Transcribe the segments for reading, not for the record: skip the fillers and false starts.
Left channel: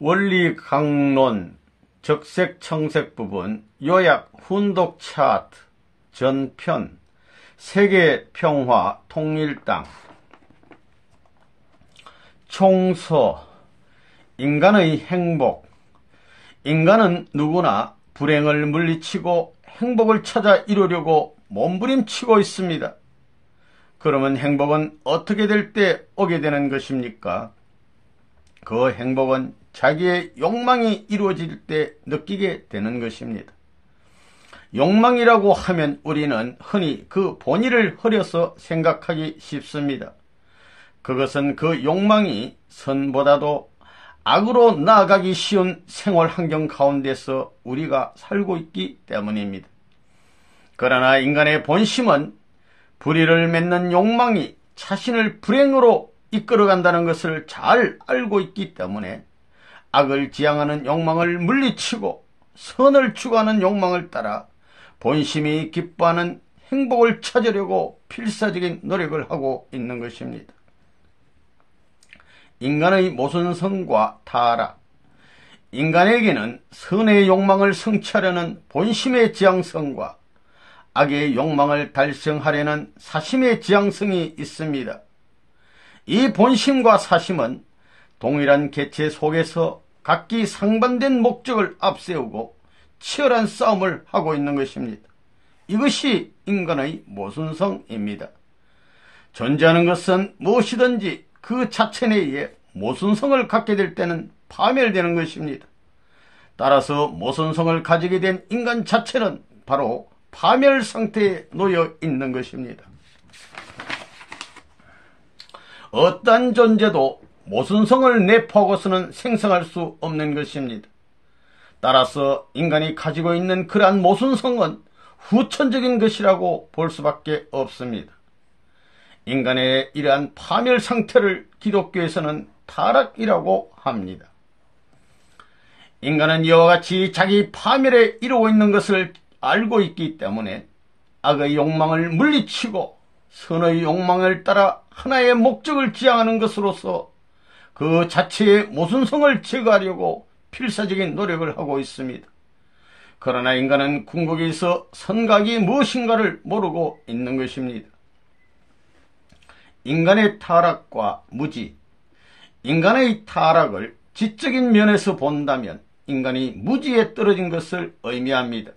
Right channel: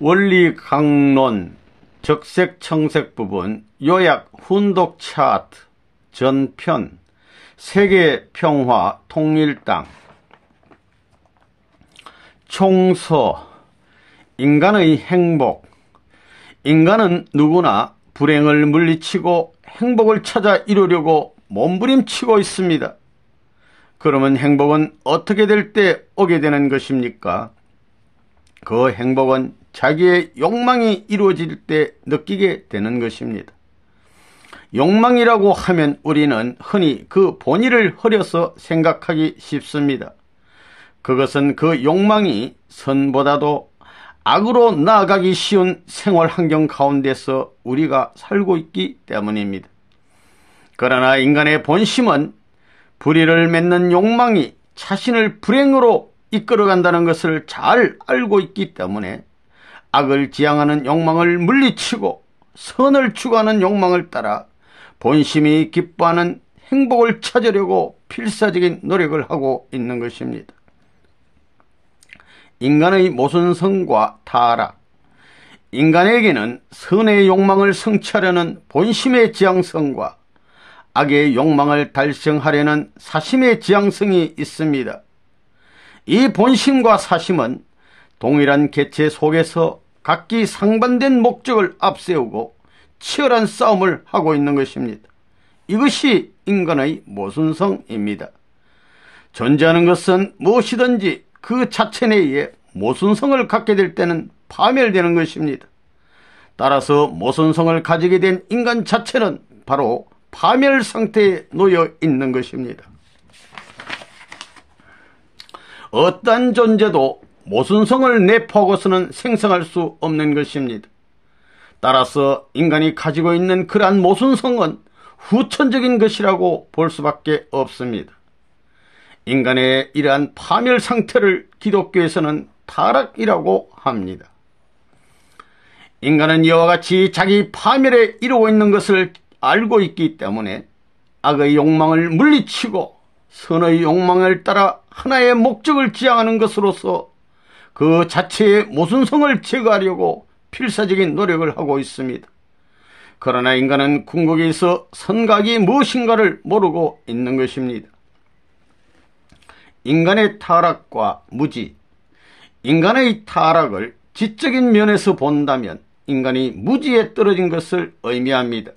원리 강론 적색 청색 부분 요약 훈독 차트 전편 세계 평화 통일 땅 총서 인간의 행복. 인간은 누구나 불행을 물리치고 행복을 찾아 이루려고 몸부림치고 있습니다. 그러면 행복은 어떻게 될 때 오게 되는 것입니까? 그 행복은 자기의 욕망이 이루어질 때 느끼게 되는 것입니다. 욕망이라고 하면 우리는 흔히 그 본의를 흐려서 생각하기 쉽습니다. 그것은 그 욕망이 선보다도 악으로 나아가기 쉬운 생활 환경 가운데서 우리가 살고 있기 때문입니다. 그러나 인간의 본심은 불의를 맺는 욕망이 자신을 불행으로 이끌어간다는 것을 잘 알고 있기 때문에 악을 지향하는 욕망을 물리치고 선을 추구하는 욕망을 따라 본심이 기뻐하는 행복을 찾으려고 필사적인 노력을 하고 있는 것입니다. 인간의 모순성과 타락. 인간에게는 선의 욕망을 성취하려는 본심의 지향성과 악의 욕망을 달성하려는 사심의 지향성이 있습니다. 이 본심과 사심은 동일한 객체 속에서 각기 상반된 목적을 앞세우고 치열한 싸움을 하고 있는 것입니다. 이것이 인간의 모순성입니다. 존재하는 것은 무엇이든지 그 자체 내에 모순성을 갖게 될 때는 파멸되는 것입니다. 따라서 모순성을 가지게 된 인간 자체는 바로 파멸 상태에 놓여 있는 것입니다. 어떠한 존재도 모순성을 내포하고서는 생성할 수 없는 것입니다. 따라서 인간이 가지고 있는 그러한 모순성은 후천적인 것이라고 볼 수밖에 없습니다. 인간의 이러한 파멸 상태를 기독교에서는 타락이라고 합니다. 인간은 이와 같이 자기 파멸에 이르고 있는 것을 알고 있기 때문에 악의 욕망을 물리치고 선의 욕망을 따라 하나의 목적을 지향하는 것으로서 그 자체의 모순성을 제거하려고 필사적인 노력을 하고 있습니다. 그러나 인간은 궁극에서 선각이 무엇인가를 모르고 있는 것입니다. 인간의 타락과 무지. 인간의 타락을 지적인 면에서 본다면 인간이 무지에 떨어진 것을 의미합니다.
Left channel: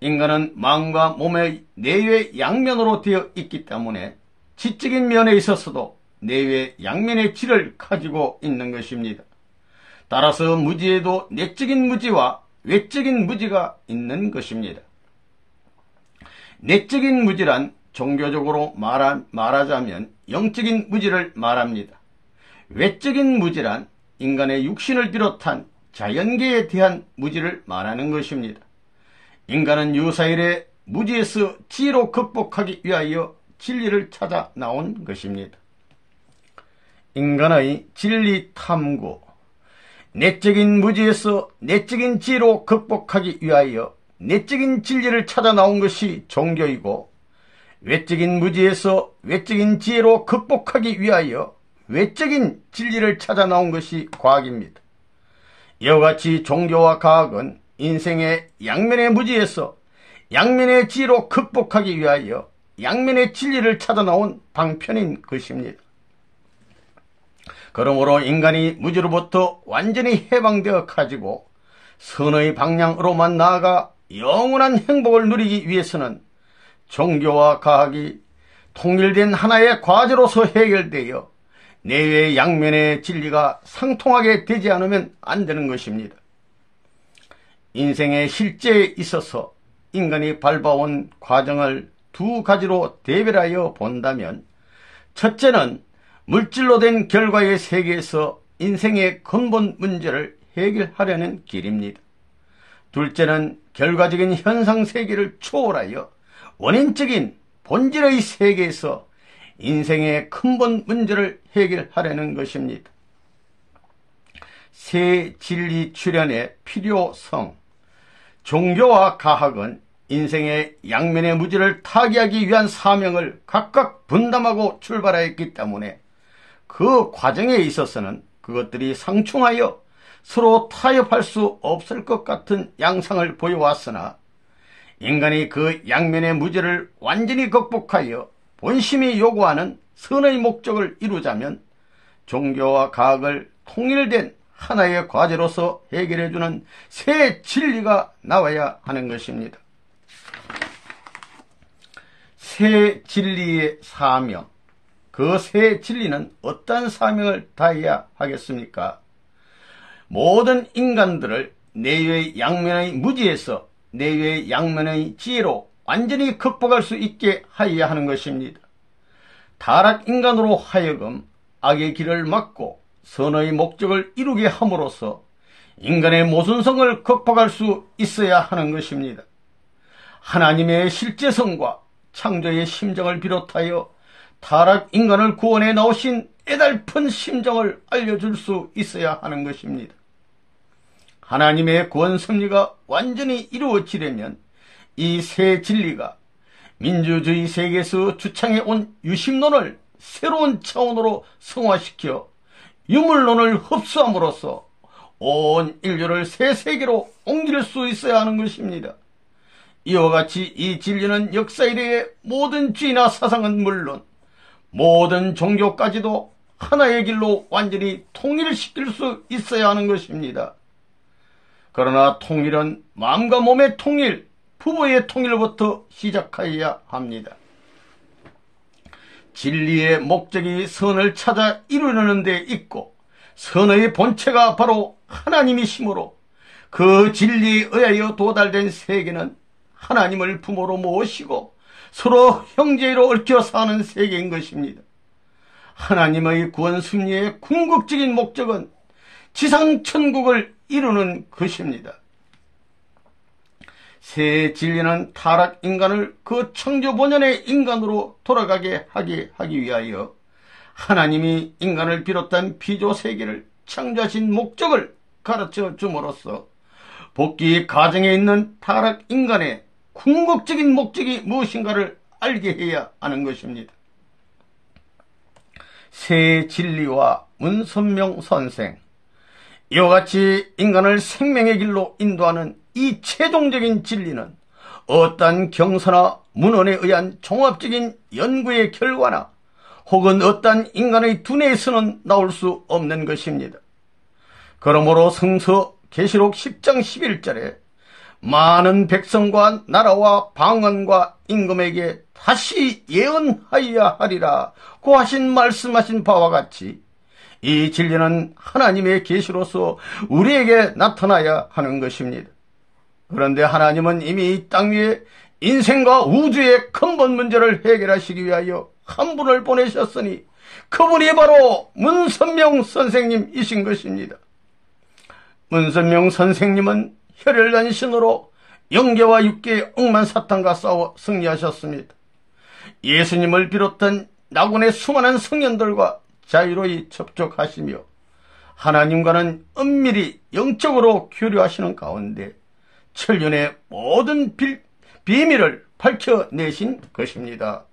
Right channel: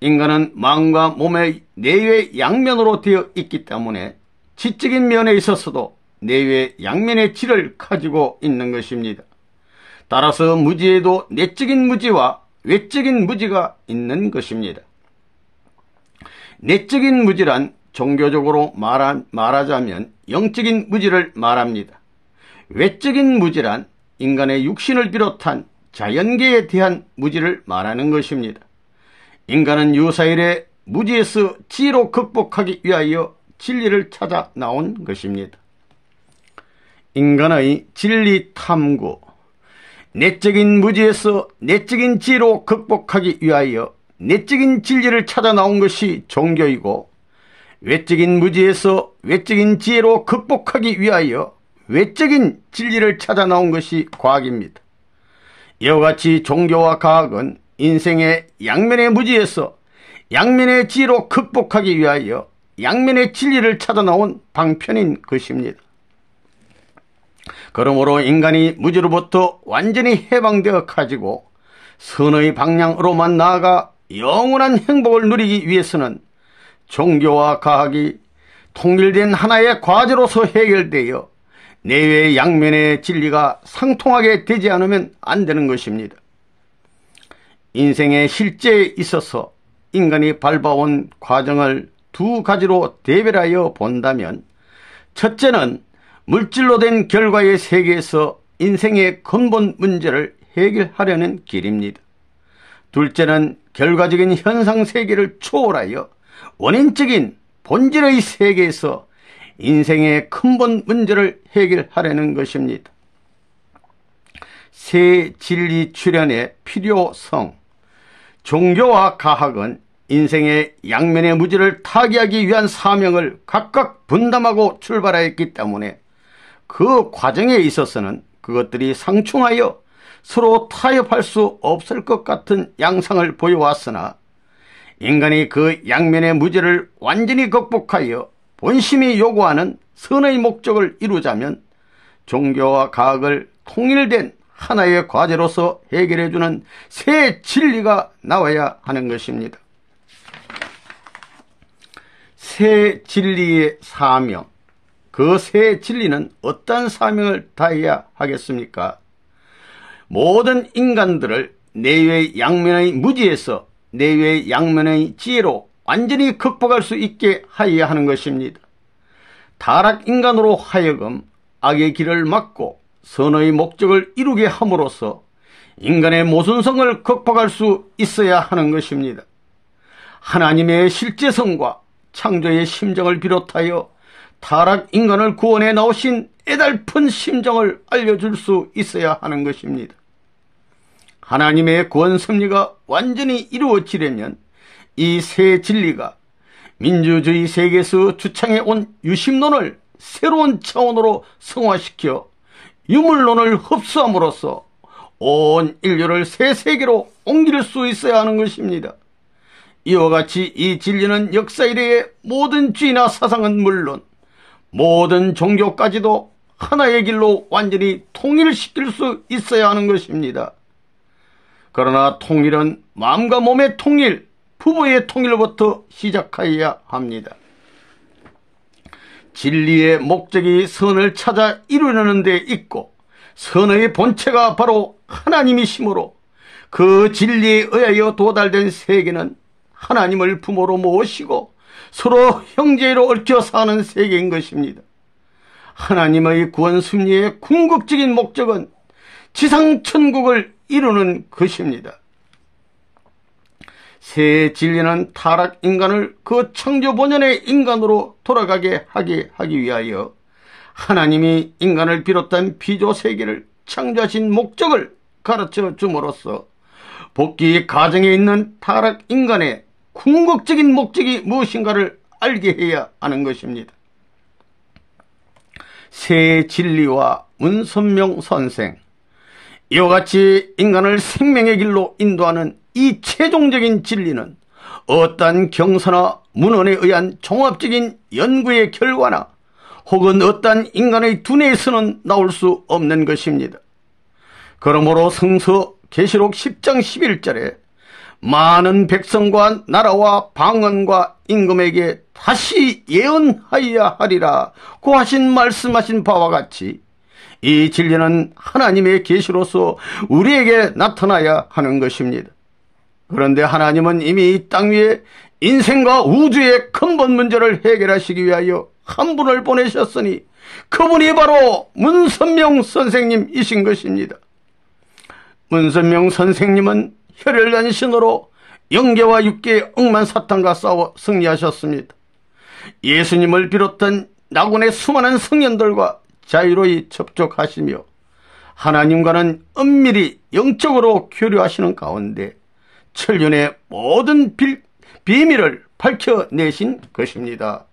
인간은 마음과 몸의 내외 양면으로 되어 있기 때문에 지적인 면에 있어서도 내외 양면의 질을 가지고 있는 것입니다. 따라서 무지에도 내적인 무지와 외적인 무지가 있는 것입니다. 내적인 무지란 종교적으로 말하자면 영적인 무지를 말합니다. 외적인 무지란 인간의 육신을 비롯한 자연계에 대한 무지를 말하는 것입니다. 인간은 유사일에 무지에서 지혜로 극복하기 위하여 진리를 찾아 나온 것입니다. 인간의 진리 탐구. 내적인 무지에서 내적인 지혜로 극복하기 위하여 내적인 진리를 찾아 나온 것이 종교이고, 외적인 무지에서 외적인 지혜로 극복하기 위하여 외적인 진리를 찾아 나온 것이 과학입니다. 이와 같이 종교와 과학은 인생의 양면의 무지에서 양면의 지혜로 극복하기 위하여 양면의 진리를 찾아 나온 방편인 것입니다. 그러므로 인간이 무지로부터 완전히 해방되어 가지고 선의 방향으로만 나아가 영원한 행복을 누리기 위해서는 종교와 과학이 통일된 하나의 과제로서 해결되어 내외 양면의 진리가 상통하게 되지 않으면 안 되는 것입니다. 인생의 실제에 있어서 인간이 밟아온 과정을 두 가지로 대별하여 본다면, 첫째는 물질로 된 결과의 세계에서 인생의 근본 문제를 해결하려는 길입니다. 둘째는 결과적인 현상 세계를 초월하여 원인적인 본질의 세계에서 인생의 근본 문제를 해결하려는 것입니다. 새 진리 출현의 필요성. 종교와 과학은 인생의 양면의 무지를 타개하기 위한 사명을 각각 분담하고 출발하였기 때문에 그 과정에 있어서는 그것들이 상충하여 서로 타협할 수 없을 것 같은 양상을 보여왔으나 인간이 그 양면의 무지를 완전히 극복하여 본심이 요구하는 선의 목적을 이루자면 종교와 과학을 통일된 하나의 과제로서 해결해주는 새 진리가 나와야 하는 것입니다. 새 진리의 사명, 그 새 진리는 어떤 사명을 다해야 하겠습니까? 모든 인간들을 내외의 양면의 무지에서 내외의 양면의 지혜로 완전히 극복할 수 있게 하여야 하는 것입니다. 타락인간으로 하여금 악의 길을 막고 선의 목적을 이루게 함으로써 인간의 모순성을 극복할 수 있어야 하는 것입니다. 하나님의 실제성과 창조의 심정을 비롯하여 타락인간을 구원해 나오신 애달픈 심정을 알려줄 수 있어야 하는 것입니다. 하나님의 구원 섭리가 완전히 이루어지려면 이 새 진리가 민주주의 세계에서 주창해온 유심론을 새로운 차원으로 성화시켜 유물론을 흡수함으로써 온 인류를 새 세계로 옮길 수 있어야 하는 것입니다. 이와 같이 이 진리는 역사 이래의 모든 주의나 사상은 물론 모든 종교까지도 하나의 길로 완전히 통일시킬 수 있어야 하는 것입니다. 그러나 통일은 마음과 몸의 통일, 부부의 통일부터 시작하여야 합니다. 진리의 목적이 선을 찾아 이루려는 데 있고 선의 본체가 바로 하나님이시므로 그 진리에 의하여 도달된 세계는 하나님을 부모로 모시고 서로 형제로 얽혀 사는 세계인 것입니다. 하나님의 구원 섭리의 궁극적인 목적은 지상천국을 이루는 것입니다. 새 진리는 타락 인간을 그 창조 본연의 인간으로 돌아가게 하기 위하여 하나님이 인간을 비롯한 피조 세계를 창조하신 목적을 가르쳐 줌으로써 복귀 가정에 있는 타락 인간의 궁극적인 목적이 무엇인가를 알게 해야 하는 것입니다. 새 진리와 문선명 선생, 이와 같이 인간을 생명의 길로 인도하는 이 최종적인 진리는 어떠한 경서나 문헌에 의한 종합적인 연구의 결과나 혹은 어떠한 인간의 두뇌에서는 나올 수 없는 것입니다. 그러므로 성서 계시록 10장 11절에 많은 백성과 나라와 방언과 임금에게 다시 예언하여야 하리라 고 하신 말씀하신 바와 같이 이 진리는 하나님의 계시로서 우리에게 나타나야 하는 것입니다. 그런데 하나님은 이미 이 땅 위에 인생과 우주의 근본 문제를 해결하시기 위하여 한 분을 보내셨으니 그분이 바로 문선명 선생님이신 것입니다. 문선명 선생님은 혈혈단 신으로 영계와 육계의 억만 사탄과 싸워 승리하셨습니다. 예수님을 비롯한 낙원의 수많은 성현들과 자유로이 접촉하시며 하나님과는 은밀히 영적으로 교류하시는 가운데 천륜의 모든 비밀을 밝혀내신 것입니다.